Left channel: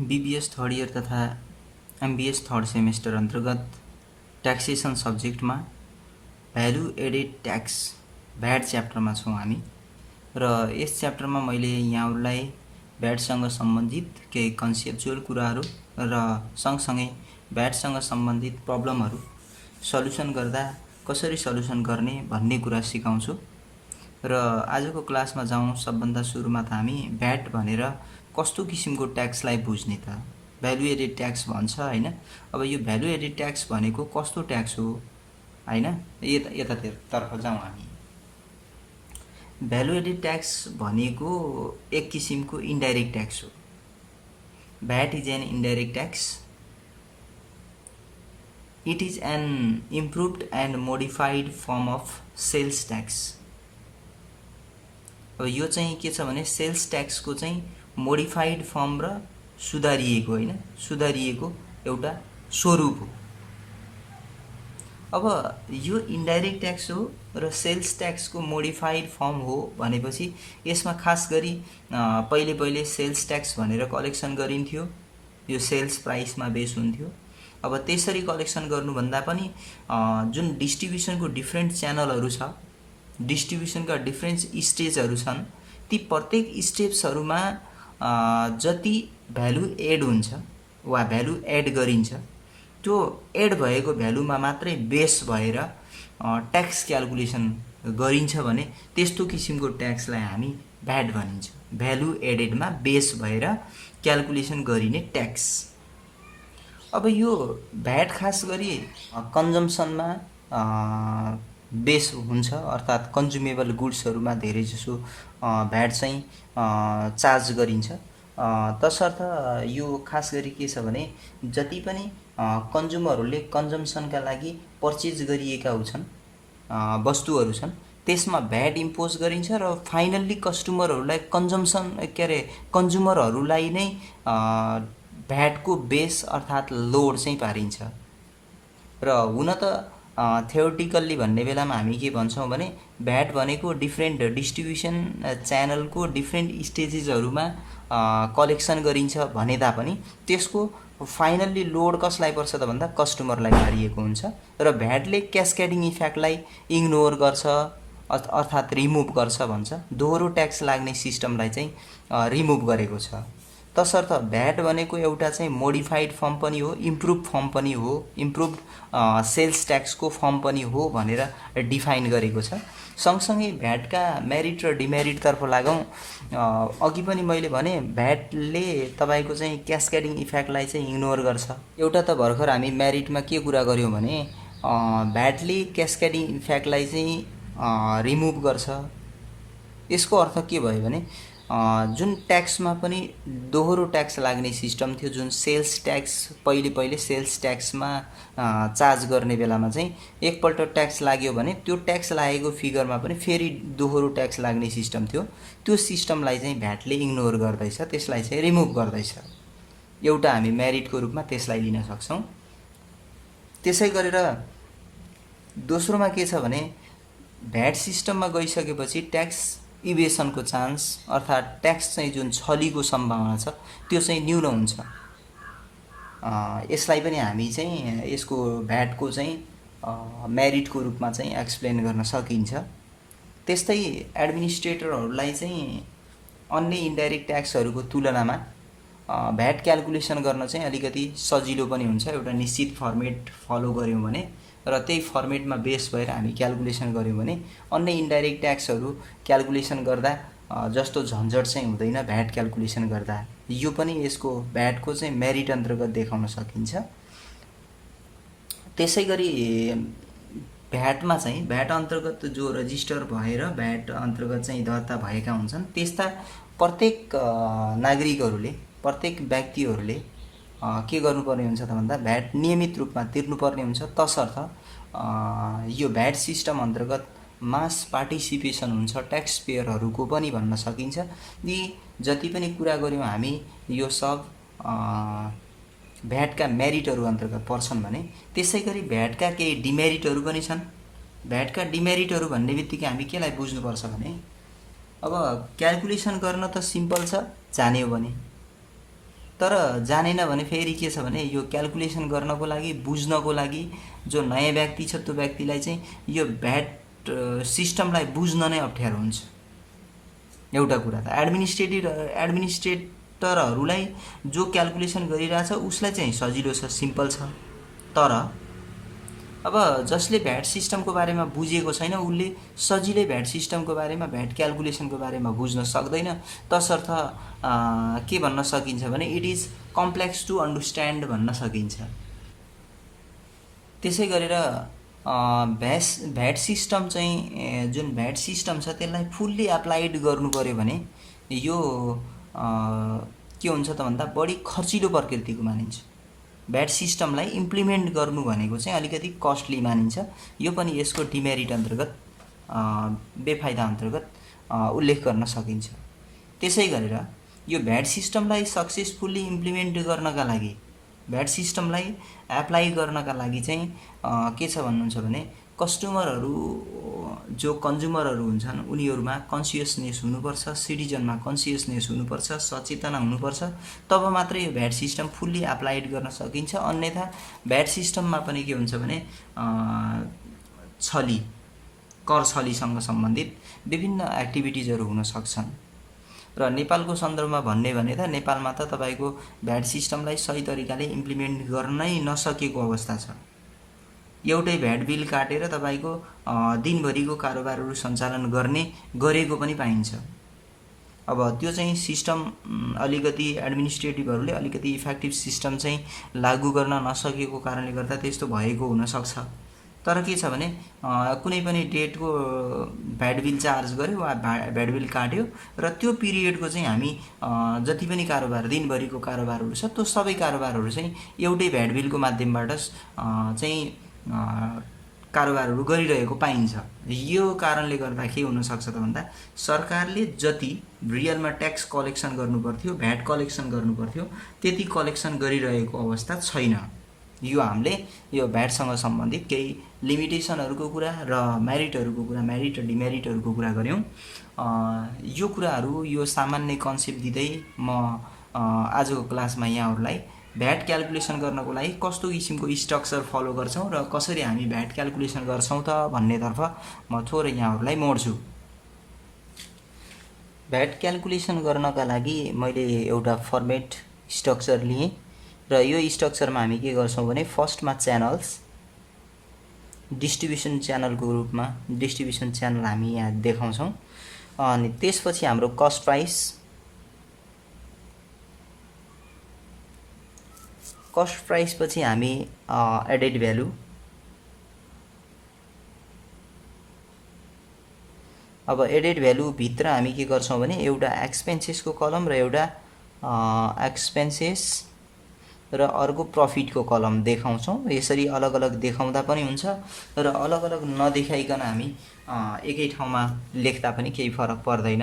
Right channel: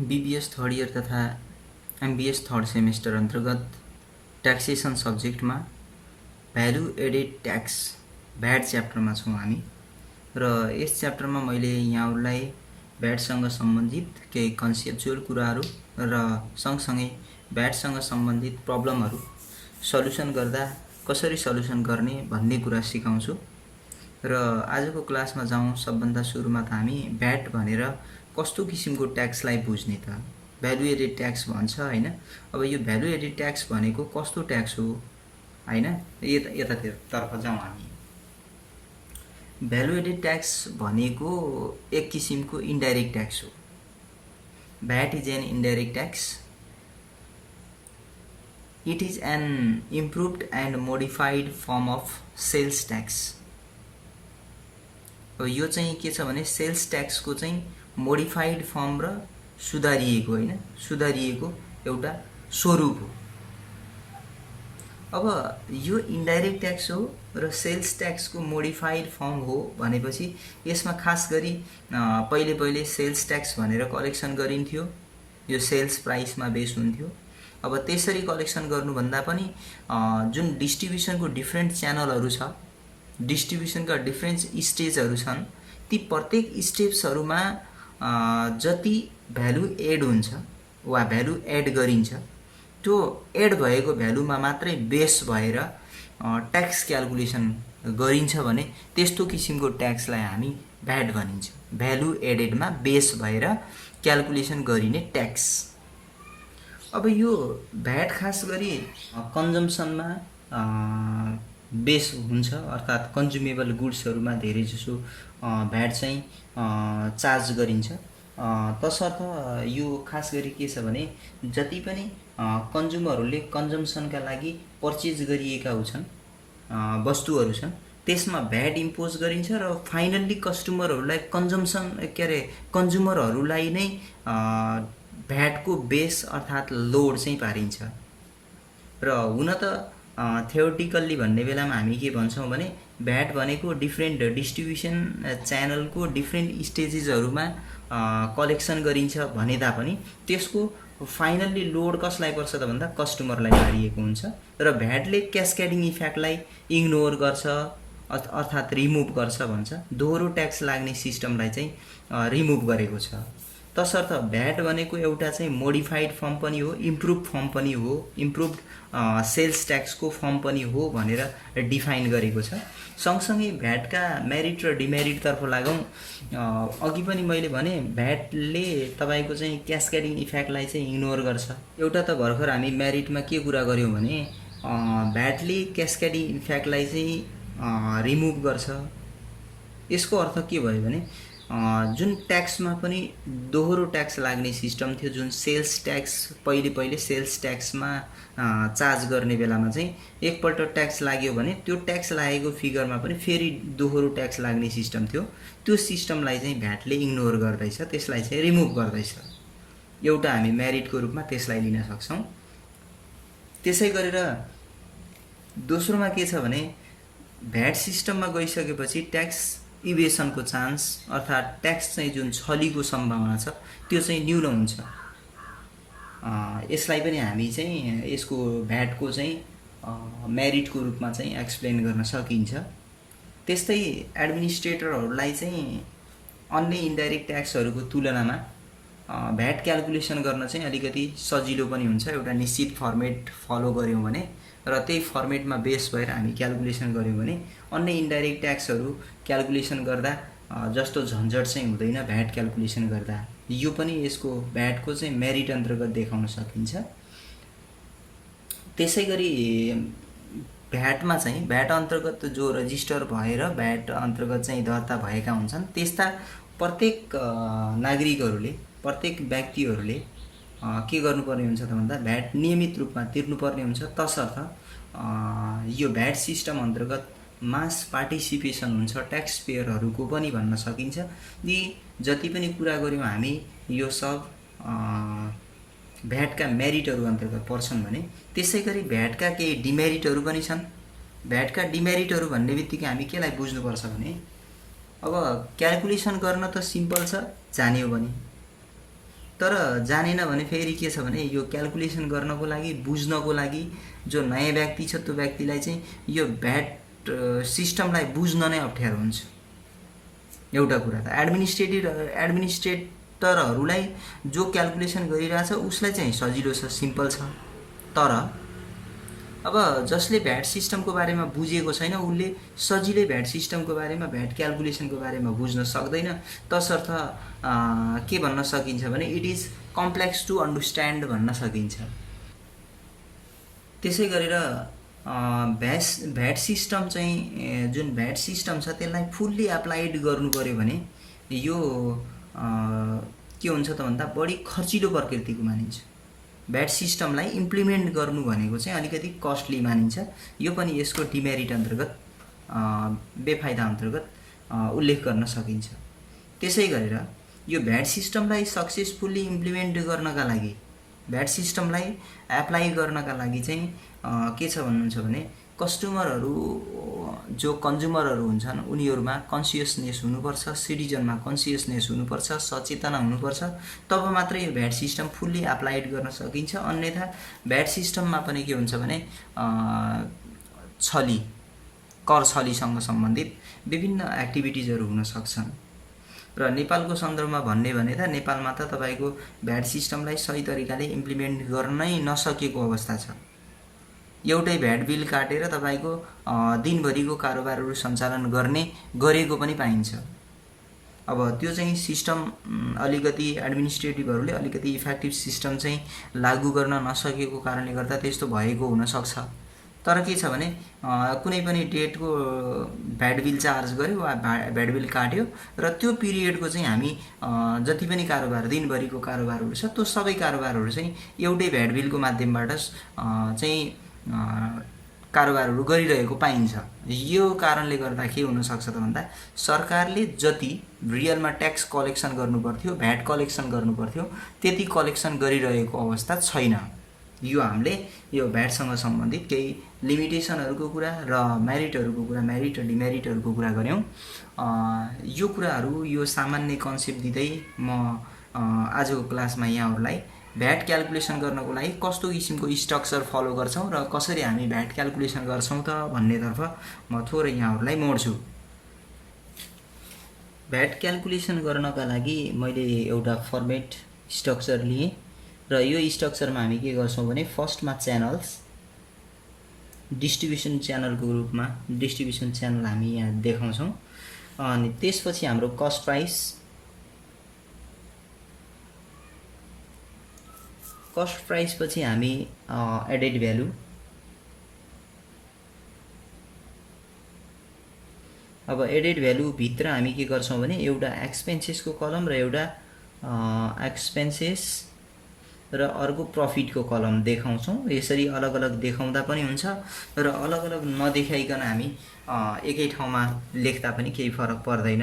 BBS third year तथा MBS third semester अंतर्गत taxation सब्जेक्टमा भ्यालु एडेड ट्याक्स भ्याट च्याप्टरमा छौँ हामी र यस च्याप्टरमा मैले यहाँहरूलाई भ्याटसँग सम्बन्धित केही कन्सेप्चुअल कुराहरू र सँगसँगै भ्याटसँग सम्बन्धित प्रब्लमहरू सल्युसन गर्दा कसरी सल्युसन गर्ने भन्ने कुरा सिकाउँछु। र आजको क्लासमा जाउँ सबभन्दा सुरुमा त हामी भ्याट भनेर कस्तो किसिमको ट्याक्सलाई बुझ्ने त भ्यालु एडेड ट्याक्स भन्छ हैन। अब यो भ्यालु एडेड ट्याक्स भनेको कस्तो ट्याक्स हो हैन, यतातर्फ जाउँ हामी। भ्यालु एडेड ट्याक्स भनेको एक किसिमको इन्डाइरेक्ट ट्याक्स हो। VAT is an indirect tax. It is an improved and modified form of sales tax. अब यो चाहिँ के छ भने सेल्स ट्याक्सको चाहिँ मोडिफाइड फर्म र सुधारिएको हैन, सुधारिएको एउटा स्वरूप हो। अब यो इन्डाइरेक्ट ट्याक्स हो र सेल्स ट्याक्सको मोडिफाइड फर्म हो भनेपछि यसमा खास गरी पहिले सेल्स ट्याक्स भनेर कलेक्सन गरिन्थ्यो। यो सेल्स प्राइसमा बेस हुन्थ्यो। अब त्यसरी कलेक्सन गर्नुभन्दा पनि जुन डिस्ट्रिब्युसनको डिफ्रेन्ट च्यानलहरू छ, डिस्ट्रिब्युसनका डिफ्रेन्ट स्टेजहरू छन्, ती प्रत्येक स्टेप्सहरूमा जति भ्यालु एड हुन्छ वा भ्यालु एड गरिन्छ त्यो एड भएको भ्यालुमा मात्रै बेस भएर ट्याक्स क्याल्कुलेसन गरिन्छ भने त्यस्तो किसिमको ट्याक्सलाई हामी भ्याट भनिन्छ। भ्यालु एडेडमा बेस भएर क्याल्कुलेसन गरिने ट्याक्स। अब यो भ्याट खास गरी कन्जम्सनमा बेस हुन्छ, अर्थात् कन्ज्युमेबल गुड्सहरूमा धेरै जसो भ्याट चाहिँ चार्ज गरिन्छ। तसर्थ यो खास गरी के छ भने जति पनि कन्ज्युमरहरूले कन्जम्सनका लागि पर्चेज गरिएका हुन्छन् वस्तुहरू छन् त्यसमा भ्याट इम्पोज गरिन्छ र फाइनल्ली कस्टमरहरूलाई कन्ज्युमरहरूलाई नै भ्याटको बेस अर्थात् लोड चाहिँ पारिन्छ। र हुन त थ्योरिटिकल्ली भन्ने बेलामा हामी के भन्छौँ भने भ्याट भनेको डिफ्रेन्ट डिस्ट्रिब्युसन च्यानलको डिफ्रेन्ट स्टेजेसहरूमा कलेक्सन गरिन्छ भने तापनि त्यसको फाइनल्ली लोड कसलाई पर्छ त भन्दा कस्टमरलाई पारिएको हुन्छ। र भ्याटले क्यास्केडिङ इफेक्टलाई इग्नोर गर्छ अर्थात् रिमुभ गर्छ भन्छ। दोहोरो ट्याक्स लाग्ने सिस्टमलाई चाहिँ रिमुभ गरेको छ। तसर्थ भ्याट भनेको एउटा चाहिँ मोडिफाइड फर्म पनि हो, इम्प्रुभ फर्म पनि हो, इम्प्रुभ सेल्स ट्याक्सको फर्म पनि हो भनेर डिफाइन गरेको छ। सँगसँगै भ्याटका मेरिट र डिमेरिटतर्फ लागौँ। अघि पनि मैले भने भ्याटले तपाईँको चाहिँ क्यास्केडिङ इफेक्टलाई चाहिँ इग्नोर गर्छ। एउटा त भर्खर हामी मेरिटमा के कुरा गऱ्यौँ भने भ्याटले क्यास्केडिङ इफेक्टलाई चाहिँ रिमुभ गर्छ। यसको अर्थ के भयो भने जुन ट्याक्समा पनि दोहोरो ट्याक्स लाग्ने सिस्टम थियो, जुन सेल्स ट्याक्स पहिले सेल्स ट्याक्समा चार्ज गर्ने बेलामा चाहिँ एकपल्ट ट्याक्स लाग्यो भने त्यो ट्याक्स लागेको फिगरमा पनि फेरि दोहोरो ट्याक्स लाग्ने सिस्टम थियो। त्यो सिस्टमलाई चाहिँ भ्याटले इग्नोर गर्दैछ, त्यसलाई चाहिँ रिमुभ गर्दैछ। एउटा हामी मेरिटको रूपमा त्यसलाई लिन सक्छौँ। त्यसै गरेर दोस्रोमा के छ भने भ्याट सिस्टममा गइसकेपछि ट्याक्स इभेसनको चान्स अर्थात् ट्याक्स चाहिँ जुन छलीको सम्भावना छ त्यो चाहिँ न्यून हुन्छ। यसलाई पनि हामी चाहिँ यसको भ्याटको चाहिँ मेरिटको रूपमा चाहिँ एक्सप्लेन गर्न सकिन्छ। त्यस्तै एडमिनिस्ट्रेटरहरूलाई चाहिँ अन्य इन्डाइरेक्ट ट्याक्सहरूको तुलनामा भ्याट क्याल्कुलेसन गर्न चाहिँ अलिकति सजिलो पनि हुन्छ। एउटा निश्चित फर्मेट फलो गऱ्यौँ भने र त्यही फर्मेटमा बेस भएर हामी क्याल्कुलेसन गऱ्यौँ भने अन्य इन्डाइरेक्ट ट्याक्सहरू क्याल्कुलेसन गर्दा जस्तो झन्झट चाहिँ हुँदैन भ्याट क्याल्कुलेसन गर्दा। यो पनि यसको भ्याटको चाहिँ मेरिट अन्तर्गत देखाउन सकिन्छ। त्यसै गरी भ्याटमा चाहिँ भ्याट अन्तर्गत जो रजिस्टर भएर भ्याट अन्तर्गत चाहिँ दर्ता भएका हुन्छन् त्यस्ता प्रत्येक नागरिकहरूले, प्रत्येक व्यक्तिहरूले के गर्नुपर्ने हुन्छ त भन्दा भ्याट नियमित रूपमा तिर्नुपर्ने हुन्छ। तसर्थ यो भ्याट सिस्टम अन्तर्गत मास पार्टिसिपेसन हुन्छ ट्याक्स पेयरहरूको पनि भन्न सकिन्छ। यी जति पनि कुरा गऱ्यौँ हामी यो सब भ्याटका मेरिटहरू अन्तर्गत पर्छन् भने त्यसै गरी भ्याटका केही डिमेरिटहरू पनि छन्। भ्याटका डिमेरिटहरू भन्ने बित्तिकै हामी केलाई बुझ्नुपर्छ भने अब क्याल्कुलेसन गर्न त सिम्पल छ जान्यो भने, तर जानेन भने फेरि के छ भने यो क्याल्कुलेसन गर्नको लागि, बुझ्नको लागि जो नयाँ व्यक्ति छ त्यो व्यक्तिलाई चाहिँ यो भ्याट सिस्टमलाई बुझ्न नै अप्ठ्यारो हुन्छ। एउटा कुरा त एडमिनिस्ट्रेटरहरूलाई जो क्याल्कुलेसन गरिरहेछ उसलाई चाहिँ सजिलो छ, सिम्पल छ। तर अब जसले भ्याट सिस्टमको बारेमा बुझेको छैन उसले सजिलै भ्याट सिस्टमको बारेमा, भ्याट क्याल्कुलेसनको बारेमा बुझ्न सक्दैन। तसर्थ के भन्न सकिन्छ भने it is complex to understand भन्न सकिन्छ। त्यसै गरेर भ्याट सिस्टम चाहिँ जुन भ्याट सिस्टम छ त्यसलाई फुल्ली एप्लाइड गर्नु पर्यो भने यो के हुन्छ त भन्दा बढी खर्चिलो प्रकृतिको मानिन्छ। भ्याट सिस्टमलाई इम्प्लिमेन्ट गर्नु भनेको चाहिँ अलिकति कस्टली मानिन्छ। यो पनि यसको डिमेरिट अन्तर्गत, बेफाइदा अन्तर्गत उल्लेख गर्न सकिन्छ। त्यसै गरेर यो भ्याट सिस्टमलाई सक्सेसफुल्ली इम्प्लिमेन्ट गर्नका लागि, भ्याट सिस्टमलाई एप्लाई गर्नका लागि चाहिँ के छ भन्नुहुन्छ भने कस्टमरहरू जो कन्ज्युमरहरू हुन्छन् उनीहरूमा कन्सियसनेस हुनुपर्छ, सिटिजनमा कन्सियसनेस हुनुपर्छ, सचेतना हुनुपर्छ। तब मात्रै यो भ्याट सिस्टम फुल्ली एप्लाइड गर्न सकिन्छ। अन्यथा भ्याट सिस्टममा पनि के हुन्छ भने कर छलीसँग सम्बन्धित विभिन्न एक्टिभिटिजहरू हुन सक्छन्। र नेपालको सन्दर्भमा भन्ने भने त नेपालमा त तपाईको भ्याट सिस्टमलाई सही तरिकाले इम्प्लिमेन्ट गर्नै नसकेको अवस्था छ। एउटै भ्याट बिल काटेर तपाईको दिनभरिको कारोबारहरू सञ्चालन गरेको पनि पाइन्छ। अब त्यो चाहिँ सिस्टम अलिकति एडमिनिस्ट्रेटिभहरूले अलिकति इफेक्टिभ सिस्टम चाहिँ लागू गर्न नसकेको कारणले गर्दा त्यस्तो भएको हुनसक्छ। तर के छ भने कुनै पनि डेटको भ्याट बिल चार्ज गर्यो वा भ्याट बिल काट्यो र त्यो पिरियडको चाहिँ हामी जति पनि कारोबार, दिनभरिको कारोबारहरू छ त्यो सबै कारोबारहरू चाहिँ एउटै भ्याट बिलको माध्यमबाट चाहिँ कारोबारहरू गरिरहेको पाइन्छ। यो कारणले गर्दा के हुनसक्छ त भन्दा सरकारले जति रियलमा ट्याक्स कलेक्सन गर्नुपर्थ्यो, भ्याट कलेक्सन गर्नुपर्थ्यो त्यति कलेक्सन गरिरहेको अवस्था छैन। यो हामीले यो भ्याटसँग सम्बन्धित केही लिमिटेसनहरूको कुरा र मेरिटहरूको कुरा, मेरिट र डिमेरिटहरूको कुरा गऱ्यौँ। यो कुराहरू, यो सामान्य कन्सेप्ट दिँदै म आजको क्लासमा यहाँहरूलाई भ्याट क्याल्कुलेसन गर्नको लागि कस्तो किसिमको स्ट्रक्चर फलो गर्छौँ र कसरी हामी भ्याट क्याल्कुलेसन गर्छौँ त भन्नेतर्फ म थोरै यहाँहरूलाई मोड्छु। भ्याट क्याल्कुलेसन गर्नका लागि मैले एउटा फर्मेट स्ट्रक्चर लिएँ र यो स्ट्रक्चरमा हामी के गर्छौँ भने फर्स्टमा च्यानल्स, डिस्ट्रिब्युसन च्यानलको रूपमा डिस्ट्रिब्युसन च्यानल हामी यहाँ देखाउँछौँ। अनि त्यसपछि हाम्रो कस्ट प्राइस, कस्ट प्राइस पछि हामी एडेड भ्यालु, अब एडेड भ्यालु भित्र हामी के गर्छौँ भने एउटा एक्सपेन्सेसको कलम र एउटा एक्सपेन्सेस र अर्को प्रफिटको कलम देखाउँछौँ। यसरी अलग अलग देखाउँदा पनि हुन्छ र अलग अलग नदेखाइकन हामी एकै ठाउँमा लेख्दा पनि केही फरक पर्दैन,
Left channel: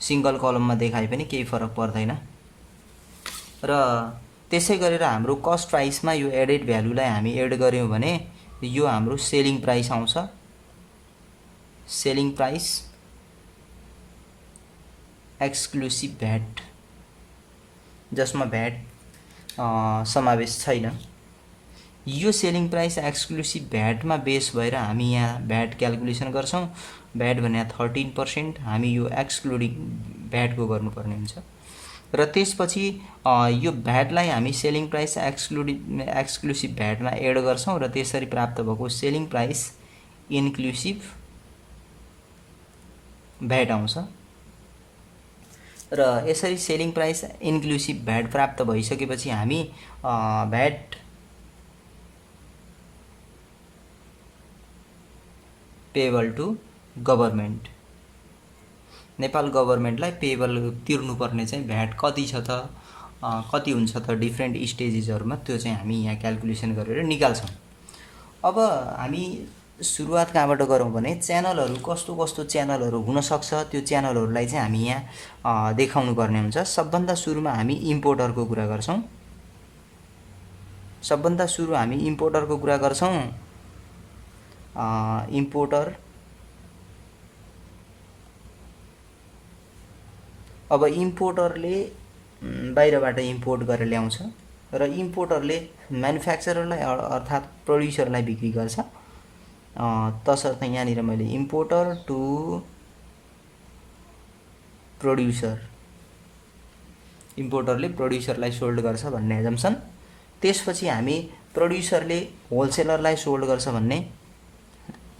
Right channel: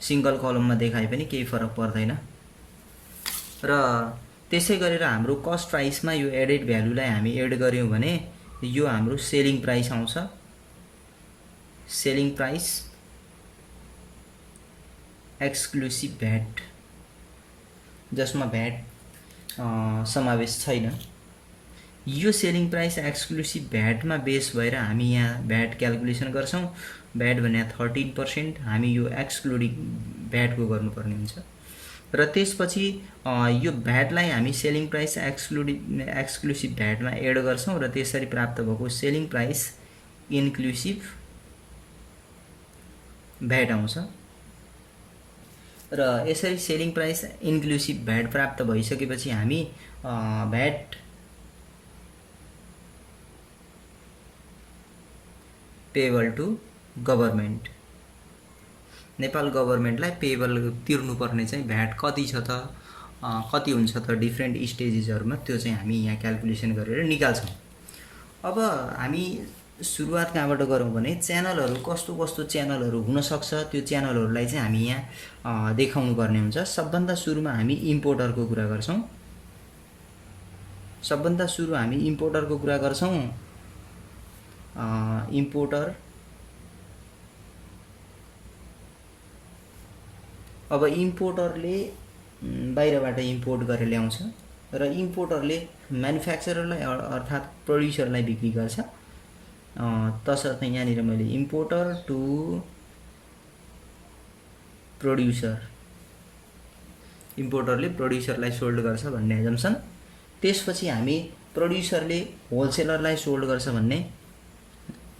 सिंगल कलममा देखाए पनि केही फरक पर्दैन। र त्यसै गरेर हाम्रो कस्ट प्राइसमा यो एडेड भ्यालुलाई हामी एड गर्यौँ भने यो हाम्रो सेलिङ प्राइस आउँछ। सेलिङ प्राइस एक्सक्लुसिभ भ्याट, जसमा भ्याट समावेश छैन। यो सेलिङ प्राइस एक्सक्लुसिभ भ्याटमा बेस भएर हामी यहाँ भ्याट क्याल्कुलेसन गर्छौँ। भ्याट भने 13%, हामी यो एक्सक्लुडिङ भ्याटको गर्नुपर्ने हुन्छ। र त्यसपछि यो भ्याटलाई हामी सेलिङ प्राइस एक्सक्लुसिभ भ्याटमा एड गर्छौँ र त्यसरी प्राप्त भएको सेलिङ प्राइस इन्क्लुसिभ भ्याट आउँछ। र यसरी सेलिङ प्राइस इन्क्लुसिभ भ्याट प्राप्त भइसकेपछि हामी VAT payable to government, Nepal गभर्मेन्टलाई पेबल तिर्नुपर्ने चाहिँ भ्याट कति छ त, कति हुन्छ त डिफ्रेन्ट स्टेजेसहरुमा, त्यो चाहिँ हामी यहाँ क्याल्कुलेसन गरेर निकाल्छौँ। अब हामी सुरुवात कहाँबाट गरौँ भने च्यानलहरू कस्तो कस्तो च्यानलहरू हुनसक्छ त्यो च्यानलहरूलाई चाहिँ हामी यहाँ देखाउनु पर्ने हुन्छ। सबभन्दा सुरुमा हामी इम्पोर्टरको कुरा गर्छौँ। सबभन्दा सुरु हामी इम्पोर्टरको कुरा गर्छौँ। इम्पोर्टर, अब इम्पोर्टरले बाहिरबाट इम्पोर्ट गरेर ल्याउँछ र इम्पोर्टरले म्यानुफ्याक्चररलाई अर्थात् प्रड्युसरलाई बिक्री गर्छ। तसर्थ यहाँनिर मैले इम्पोर्टर टु प्रड्युसर, इम्पोर्टरले प्रड्युसरलाई सोल्ड गर्छ भन्ने एजम्सन। त्यसपछि हामी प्रड्युसरले होलसेलरलाई सोल्ड गर्छ भन्ने,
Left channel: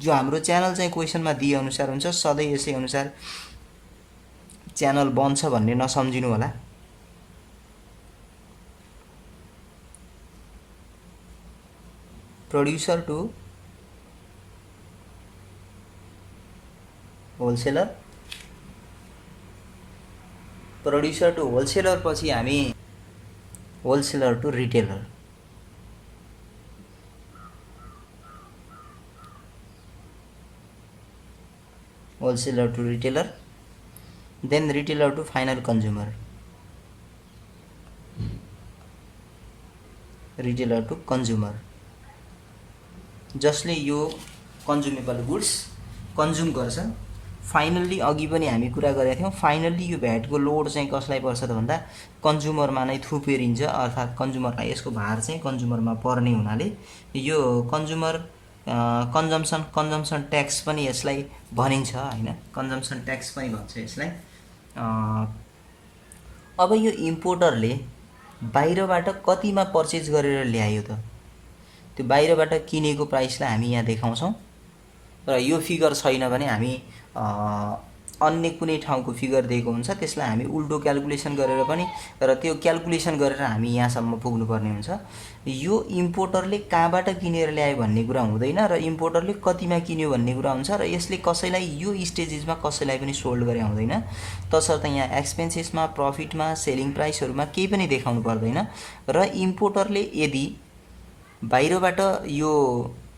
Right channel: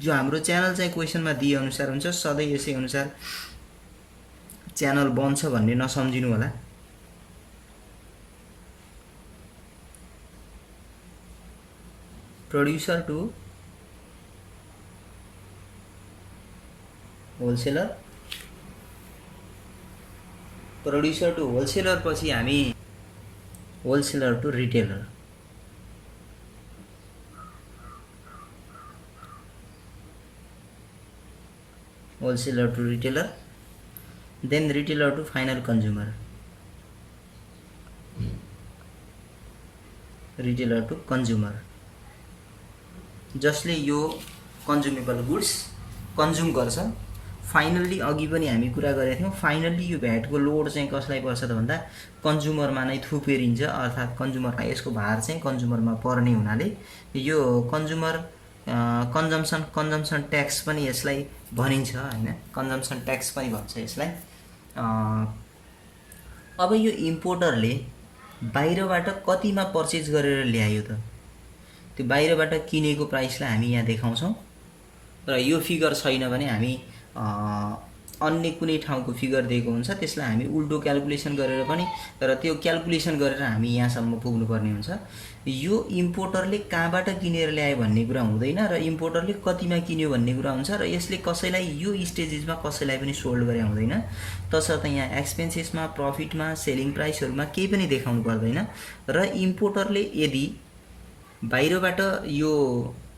जो हाम्रो च्यानल चाहिँ क्वेसनमा दिए अनुसार हुन्छ, सधैँ यसै अनुसार च्यानल बन्छ भन्ने नसम्झिनु होला। Producer to wholesaler, producer to wholesaler पछि हामी wholesaler to retailer, wholesaler to retailer, then retailer to final consumer, retailer to consumer, जसले यो कन्ज्युमेबल गुड्स कन्ज्युम गर्छ। फाइनल्ली अघि पनि हामी कुरा गरेका थियौँ, फाइनल्ली यो भ्याटको लोड चाहिँ कसलाई पर्छ त भन्दा कन्ज्युमरमा नै थुपेरिन्छ, अर्थात् कन्ज्युमरलाई यसको भार चाहिँ कन्ज्युमरमा पर्ने हुनाले यो कन्ज्युमर कन्जम्सन ट्याक्स पनि यसलाई भनिन्छ हैन, कन्जम्सन ट्याक्स पनि भन्छ यसलाई। अब यो इम्पोर्टरले बाहिरबाट कतिमा पर्चेज गरेर ल्यायो त, त्यो बाहिरबाट किनेको प्राइसलाई हामी यहाँ देखाउँछौँ र यो फिगर छैन भने हामी अन्य कुनै ठाउँको फिगर दिएको हुन्छ त्यसलाई हामी उल्टो क्याल्कुलेसन गरेर पनि, र त्यो क्याल्कुलेसन गरेर हामी यहाँसम्म पुग्नुपर्ने हुन्छ। यो इम्पोर्टरले कहाँबाट किनेर ल्यायो भन्ने कुरा हुँदैन र इम्पोर्टरले कतिमा किन्यो भन्ने कुरा हुन्छ, र यसले कसैलाई यो स्टेजेसमा कसैलाई पनि सोल्ड गरे हुँदैन। तसर्थ यहाँ एक्सपेन्सेसमा, प्रफिटमा, सेलिङ प्राइसहरूमा केही पनि देखाउनु पर्दैन। र इम्पोर्टरले यदि बाहिरबाट यो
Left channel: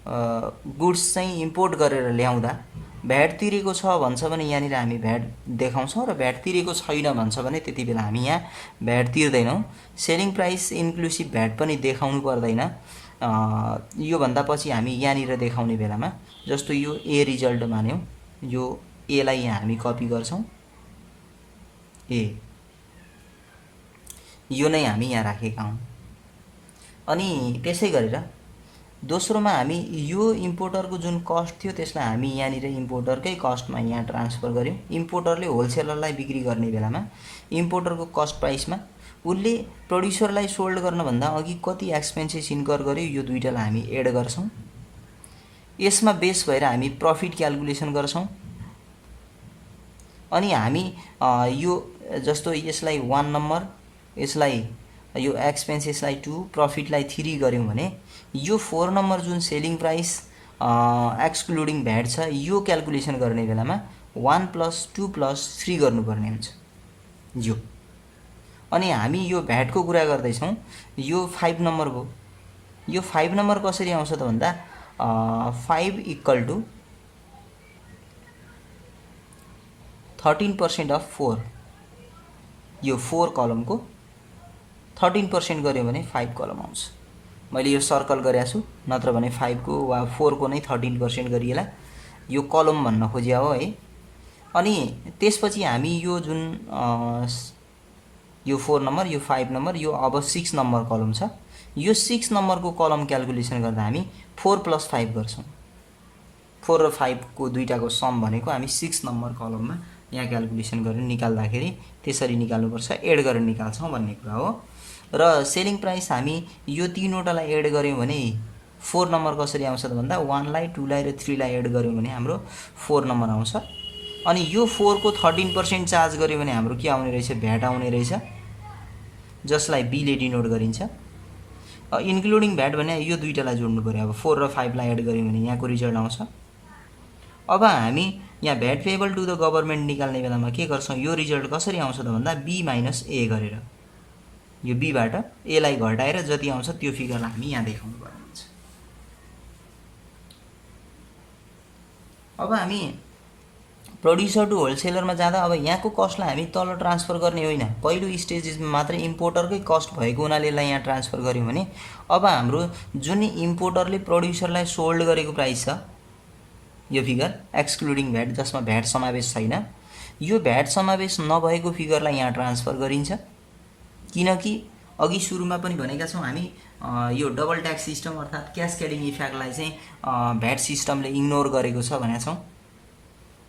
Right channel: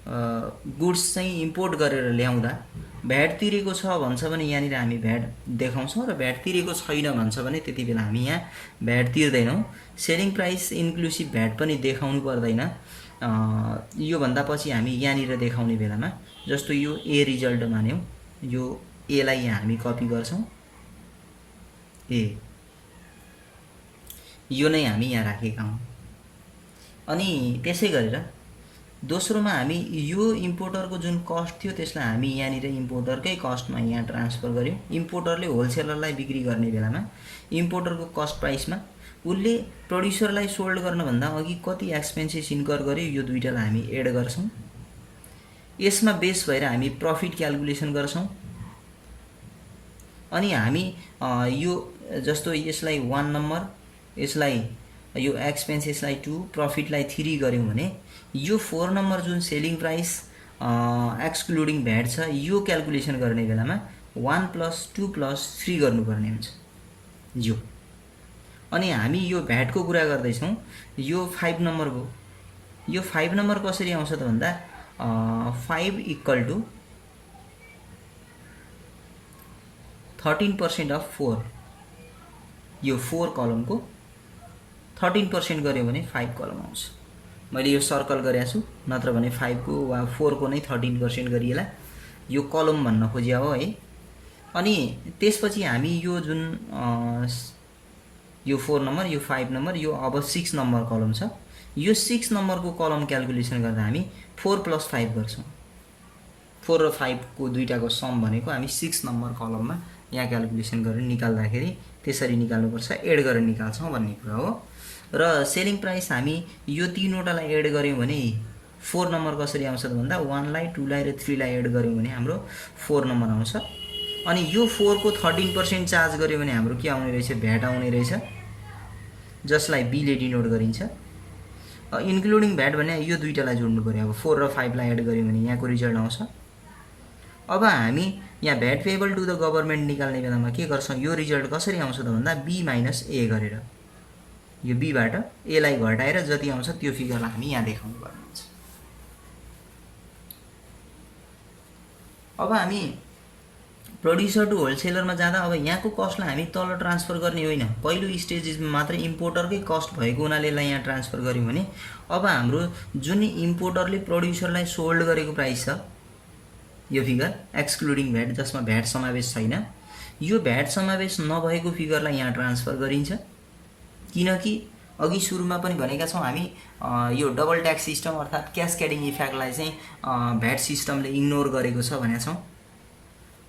गुड्स चाहिँ इम्पोर्ट गरेर ल्याउँदा भ्याट तिरेको छ भन्छ भने यहाँनिर हामी भ्याट देखाउँछौँ, र भ्याट तिरेको छैन भन्छ भने त्यति बेला हामी यहाँ भ्याट तिर्दैनौँ। सेलिङ प्राइस इन्क्लुसिभ भ्याट पनि देखाउनु पर्दैन। योभन्दा पछि हामी यहाँनिर देखाउने बेलामा, जस्तो यो ए रिजल्ट मान्यौँ, यो एलाई यहाँ हामी कपी गर्छौँ, ए यो नै हामी यहाँ राखेका हौँ। अनि त्यसै गरेर दोस्रोमा हामी यो इम्पोर्टरको जुन कस्ट थियो त्यसलाई हामी यहाँनिर इम्पोर्टरकै कस्टमा यहाँ ट्रान्सफर गऱ्यौँ। इम्पोर्टरले होलसेलरलाई बिक्री गर्ने बेलामा इम्पोर्टरको कस्ट प्राइसमा उसले प्रड्युसरलाई सोल्ड गर्नुभन्दा अघि कति एक्सपेन्सेस इन्कर गर्यो यो दुईटालाई हामी एड गर्छौँ। यसमा बेस भएर हामी प्रफिट क्याल्कुलेसन गर्छौँ। अनि हामी यो जस्तो यसलाई 1 नम्बर, यसलाई यो एक्सपेन्सेसलाई 2, प्रफिटलाई 3 गऱ्यौँ भने यो 4 नम्बर जुन सेलिङ प्राइस एक्सक्लुडिङ भ्याट छ यो क्याल्कुलेसन गर्ने बेलामा 1 + 2 + 3 गर्नुपर्ने हुन्छ यो। अनि हामी यो भ्याटको कुरा गर्दैछौँ, यो 5 नम्बरको, यो 5 नम्बर कसरी आउँछ त भन्दा 5 = 13% अफ 4, यो 4 कलमको 13% गऱ्यो भने 5 कलम आउँछ। मैले यो सर्कल गरेको छु, नत्र भने 5 को वा 4 को नै 13% गरिएला, यो कलम भन्न खोजिया हो है। अनि त्यसपछि हामी यो जुन यो 4 नम्बर, यो 5 नम्बर, यो अब 6 नम्बर कलम छ, यो 6 नम्बरको कलम क्याल्कुलेसन गर्दा हामी 4 + 5 गर्छौँ। 4 र 5 को दुईटाको सम भनेको हामी 6 नम्बर कलममा यहाँ क्याल्कुलेसन गरेर निकाल्दाखेरि त्यसरी निकाल्नुपर्छ, एड गरेर निकाल्छौँ भन्ने कुरा हो। र सेलिङ प्राइस हामी यो तीनवटालाई एड गऱ्यौँ भने 4 नम्बर कसरी आउँछ त भन्दा 1 लाई, 2 लाई र 3 लाई एड गऱ्यौँ भने हाम्रो 4 नम्बर आउँछ। अनि यो 4 को 13% चार्ज गऱ्यो भने हाम्रो के आउने रहेछ, भ्याट आउने रहेछ, जसलाई बी ले डिनोट गरिन्छ। इन्क्लुडिङ भ्याट भने यो दुईटालाई जोड्नु पर्यो। अब 4 र 5 लाई एड गऱ्यौँ भने यहाँको रिजल्ट आउँछ। अब हामी यहाँ VAT payable to the government निकाल्ने बेलामा के गर्छौँ, यो रिजल्ट कसरी आउँछ त भन्दा बी - ए गरेर, यो बीबाट ए लाई घटाएर जति आउँछ त्यो फिगरलाई हामी यहाँ देखाउनु पर्ने हुन्छ। अब हामी प्रड्युसर टु होलसेलरमा जाँदा अब यहाँको कस्टलाई हामी तल ट्रान्सफर गर्ने होइन, पहिलो स्टेजमा मात्र इम्पोर्टरकै कस्ट भएको हुनाले यसलाई यहाँ ट्रान्सफर गऱ्यौँ भने अब हाम्रो जुन इम्पोर्टरले प्रड्युसरलाई सोल्ड गरेको प्राइस छ यो फिगर एक्सक्लुडिङ भ्याट, जसमा भ्याट समावेश छैन, यो भ्याट समावेश नभएको फिगरलाई यहाँ ट्रान्सफर गरिन्छ। किनकि अघि सुरुमा पनि भनेका छौँ हामी यो डबल ट्याक्स सिस्टम अर्थात् क्यास्केडिङ इफेक्टलाई चाहिँ भ्याट सिस्टमले इग्नोर गरेको छ भनेका छौँ।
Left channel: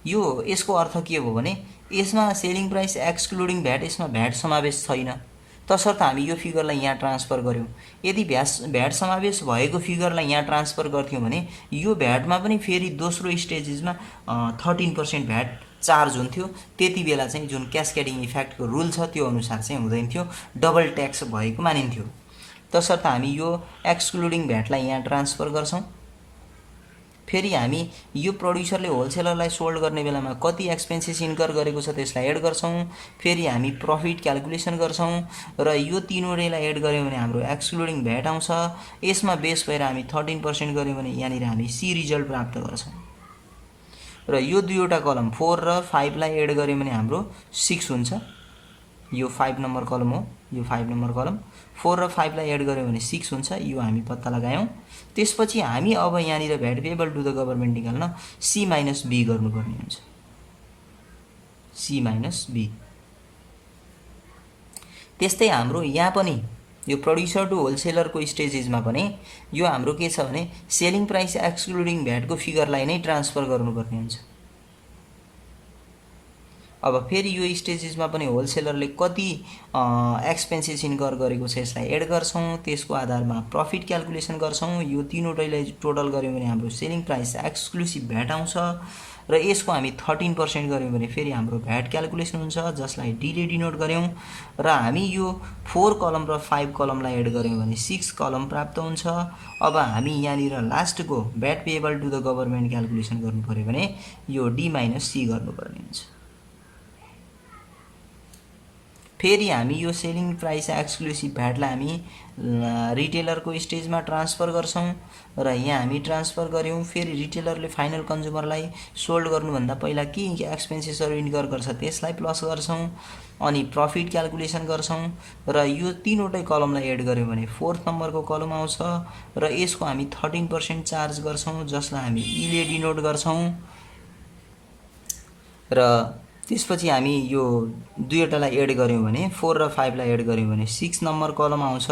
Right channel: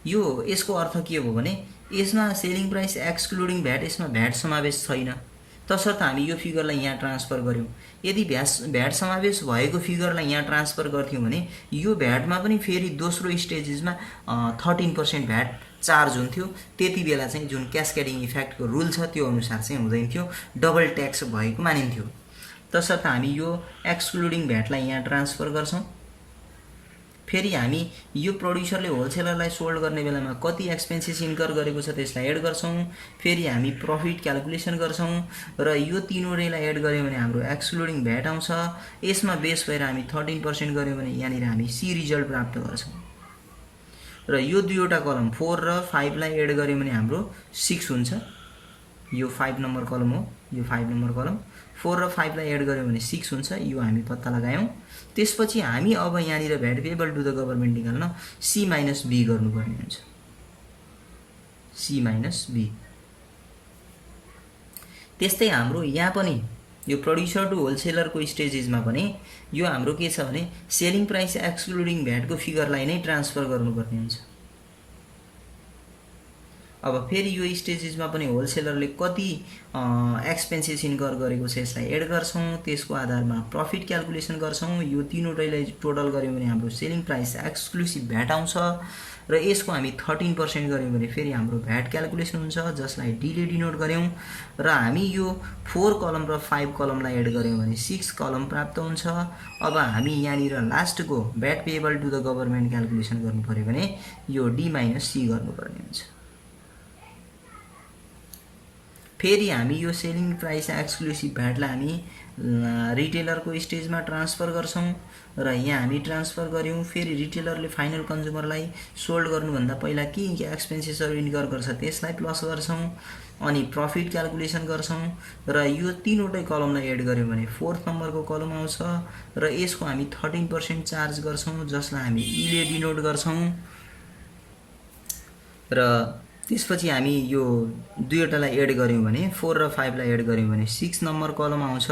यो यसको अर्थ के हो भने यसमा सेलिङ प्राइस एक्सक्लुडिङ भ्याट, यसमा भ्याट समावेश छैन, तसर्थ हामी यो फिगरलाई यहाँ ट्रान्सफर गऱ्यौँ। यदि भ्याट समावेश भएको फिगरलाई यहाँ ट्रान्सफर गर्थ्यौँ भने यो भ्याटमा पनि फेरि दोस्रो स्टेजेसमा 13% भ्याट चार्ज हुन्थ्यो। त्यति बेला चाहिँ जुन क्यास्केडिङ इफेक्टको रुल छ त्यो अनुसार चाहिँ हुँदैन थियो, डबल ट्याक्स भएको मानिन्थ्यो। तसर्थ हामी यो एक्सक्लुडिङ भ्याटलाई यहाँ ट्रान्सफर गर्छौँ। फेरि हामी यो प्रड्युसरले होलसेलरलाई सोल्ड गर्ने बेलामा कति एक्सपेन्सेस इन्कर गरेको छ त्यसलाई एड गर्छौँ। फेरि हामी प्रफिट क्यालकुलेसन गर्छौँ र यो तीनवटैलाई एड गऱ्यौँ भने हाम्रो एक्सक्लुडिङ भ्याट आउँछ। यसमा बेस भएर हामी 13% गऱ्यौँ भने यहाँनिर हामी सी रिजल्ट प्राप्त गर्छौँ। र यो दुईवटा कलम 4 र 5 लाई एड गऱ्यौँ भने हाम्रो 6 हुन्छ। यो 5 नम्बर कलम हो, यो 5 नम्बर कलम। 4 र 5 लाई एड गऱ्यौँ भने 6 हुन्छ, यो हामी पत्ता लगायौँ। त्यसपछि हामी अब यहाँनिर VAT payable to the government निकाल्न सी माइनस बी गर्नुपर्ने हुन्छ, सी माइनस बी। त्यस्तै हाम्रो यहाँ पनि यो प्रड्युसर टु होलसेलरको स्टेजेसमा पनि यो हाम्रो के छ भने सेलिङ प्राइस एक्सक्लुडिङ भ्याटको फिगरलाई नै ट्रान्सफर गर्नुपर्ने हुन्छ। अब फेरि यो स्टेजेसमा पनि होलसेलरले कति एक्सपेन्सेस इन्कर गरेको छ यसलाई एड गर्छौँ। त्यसको आधारमा प्रफिट क्यालकुलेसन गर्छौँ। यो तीनवटैलाई टोटल गऱ्यौँ भने हाम्रो सेलिङ प्राइस एक्सक्लुसिभ भ्याट आउँछ र यसको हामी 13% गऱ्यौँ भने फेरि हाम्रो भ्याट क्यालकुलेसन हुन्छ, जसलाई डीले डिनोट गऱ्यौँ। र हामी यो 4 कलम र 5 कलमलाई एड गऱ्यौँ भने 6 कलम प्राप्त हुन्छ। अब हामी यहाँनिर लास्टको VAT payable to the government calculation गर्नु पऱ्यो भने यो डी माइनस सी गर्नुपर्ने हुन्छ। फेरि हामी यो सेलिङ प्राइस एक्सक्लुसिभ भ्याटलाई हामी रिटेलरको स्टेजमा ट्रान्सफर गर्छौँ र यहाँ हामी ट्रान्सफर गऱ्यौँ। फेरि रिटेलरले फाइनल कन्ज्युमरलाई सोल्ड गर्नुभन्दा पहिला के एक्सपेन्सेसहरू इन्कर गर्छ त्यसलाई प्लस गर्छौँ, अनि प्रफिट क्यालकुलेसन गर्छौँ र यो तीनवटै कलमलाई एड गऱ्यौँ भने 4th नम्बरको कलम आउँछ र यसको हामी 13% चार्ज गर्छौँ, जसलाई हामी ईले डिनोट गर्छौँ। र त्यसपछि हामी यो दुईवटालाई एड गऱ्यौँ भने 4 र 5 लाई एड गऱ्यौँ भने 6 नम्बर कलम आउँछ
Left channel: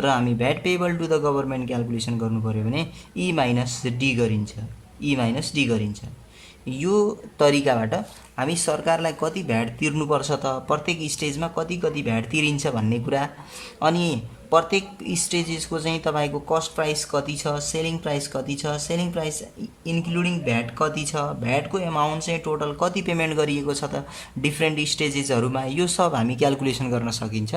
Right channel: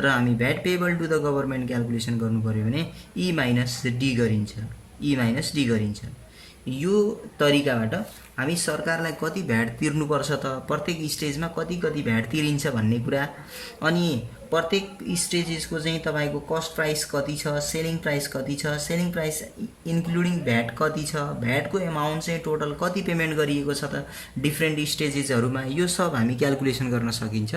र हामी VAT payable to the government calculation गर्नु पऱ्यो भने ई माइनस डी गरिन्छ, ई माइनस डी गरिन्छ। यो तरिकाबाट हामी सरकारलाई कति भ्याट तिर्नुपर्छ त, प्रत्येक स्टेजमा कति कति भ्याट तिरिन्छ भन्ने कुरा, अनि प्रत्येक स्टेजेसको चाहिँ तपाईँको कस्ट प्राइस कति छ, सेलिङ प्राइस कति छ, सेलिङ प्राइस इन्क्लुडिङ भ्याट कति छ, भ्याटको एमाउन्ट चाहिँ टोटल कति पेमेन्ट गरिएको छ त डिफ्रेन्ट स्टेजेसहरूमा, यो सब हामी क्यालकुलेसन गर्न सकिन्छ।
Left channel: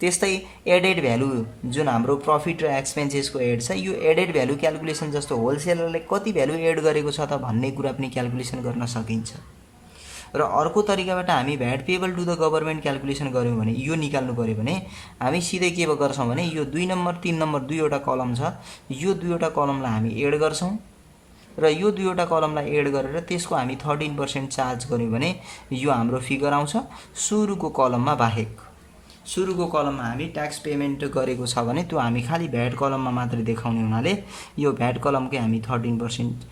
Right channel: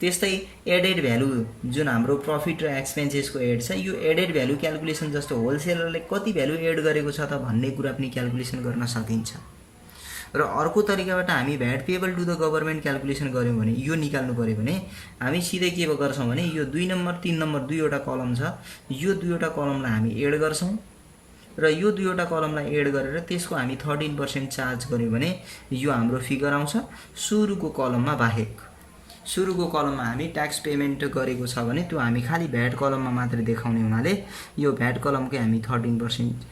त्यस्तै एडेड भ्यालु जुन हाम्रो प्रफिट र एक्सपेन्सेसको एड छ, यो एडेड भ्यालु क्यालकुलेसन जस्तो होलसेलरले कति भ्यालु एड गरेको छ त भन्ने कुरा पनि क्यालकुलेसन गर्न सकिन्छ। र अर्को तरिकाबाट हामी VAT payable to the government calculation गऱ्यौँ भने यो निकाल्नु पऱ्यो भने हामी सिधै के गर्छौँ भने यो 2 नम्बर 3 नम्बर दुईवटा कलम छ, यो दुईवटा कलमलाई हामी एड गर्छौँ र यो दुईवटा कलमलाई एड गरेर त्यसको हामी 13% चार्ज गऱ्यौँ भने यो हाम्रो फिगर आउँछ सुरुको कलममा बाहेक। सुरुको कलममा हामी ट्याक्स पेमेन्ट गरेको छ भने त्यो हामी खालि भ्याट कलममा मात्रै देखाउने हुनाले यो भ्याट कलमकै हामी 13%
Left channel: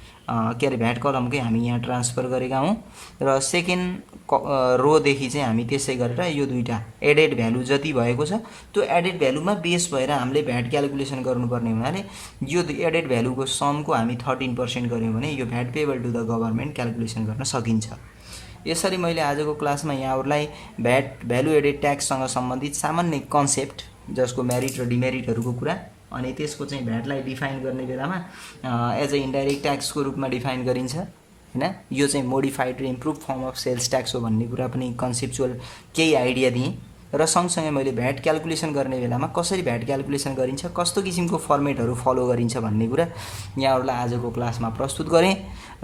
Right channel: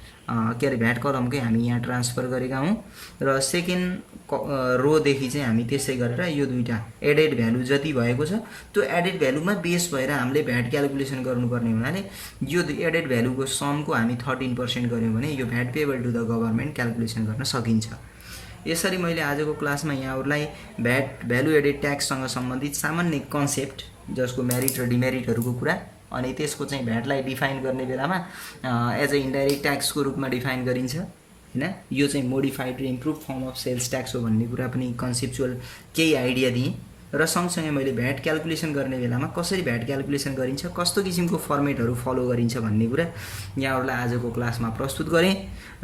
भ्याट कलमकै हामी यहाँ ट्रान्सफर गरेका हौँ र सेकेन्ड रोदेखि चाहिँ हामी त्यसै गरेर यो दुईटा एडेड भ्यालु जति भएको छ त्यो एडेड भ्यालुमा बेस भएर हामीले भ्याट क्यालकुलेसन गर्नुपर्ने हुनाले यो एडेड भ्यालुको समको हामी 13% गऱ्यौँ भने यो VAT payable to the government calculation गर्न सकिन्छ। यसरी मैले आजको क्लासमा यहाँहरूलाई भ्याट भ्यालु एडेड ट्याक्ससँग सम्बन्धित सामान्य कन्सेप्ट जसको मेरिट र डिमेरिटहरूको कुरा, अनि त्यसको चाहिँ भ्याटलाई डिफाइन गर्ने बेलामा एज अ इन्डाइरेक्ट ट्याक्सको रूपमा डिफाइन गरिन्छ हैन, यो चाहिँ मोडिफाइड र improve form of sales tax हो भन्ने कुरा पनि कन्सेप्चुअल केही आइडिया दिएँ। र सँगसँगै मैले भ्याट क्यालकुलेसन गर्ने बेलामा कसरी भ्याट क्यालकुलेसन गरिन्छ, कस्तो किसिमको फर्मेटहरू फलो गरिन्छ भन्ने कुरा यहाँहरूलाई आजको क्लासमा प्रस्तुत गरेँ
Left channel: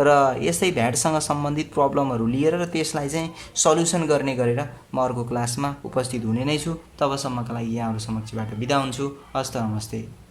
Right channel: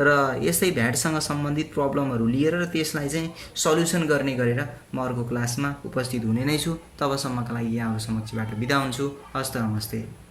र यस्तै भ्याटसँग सम्बन्धित प्रब्लमहरू लिएर र त्यसलाई चाहिँ सल्युसन गर्ने गरेर म अर्को क्लासमा उपस्थित हुने नै छु। तबसम्मका लागि यहाँहरू समक्षबाट बिदा हुन्छु। हस्त नमस्ते।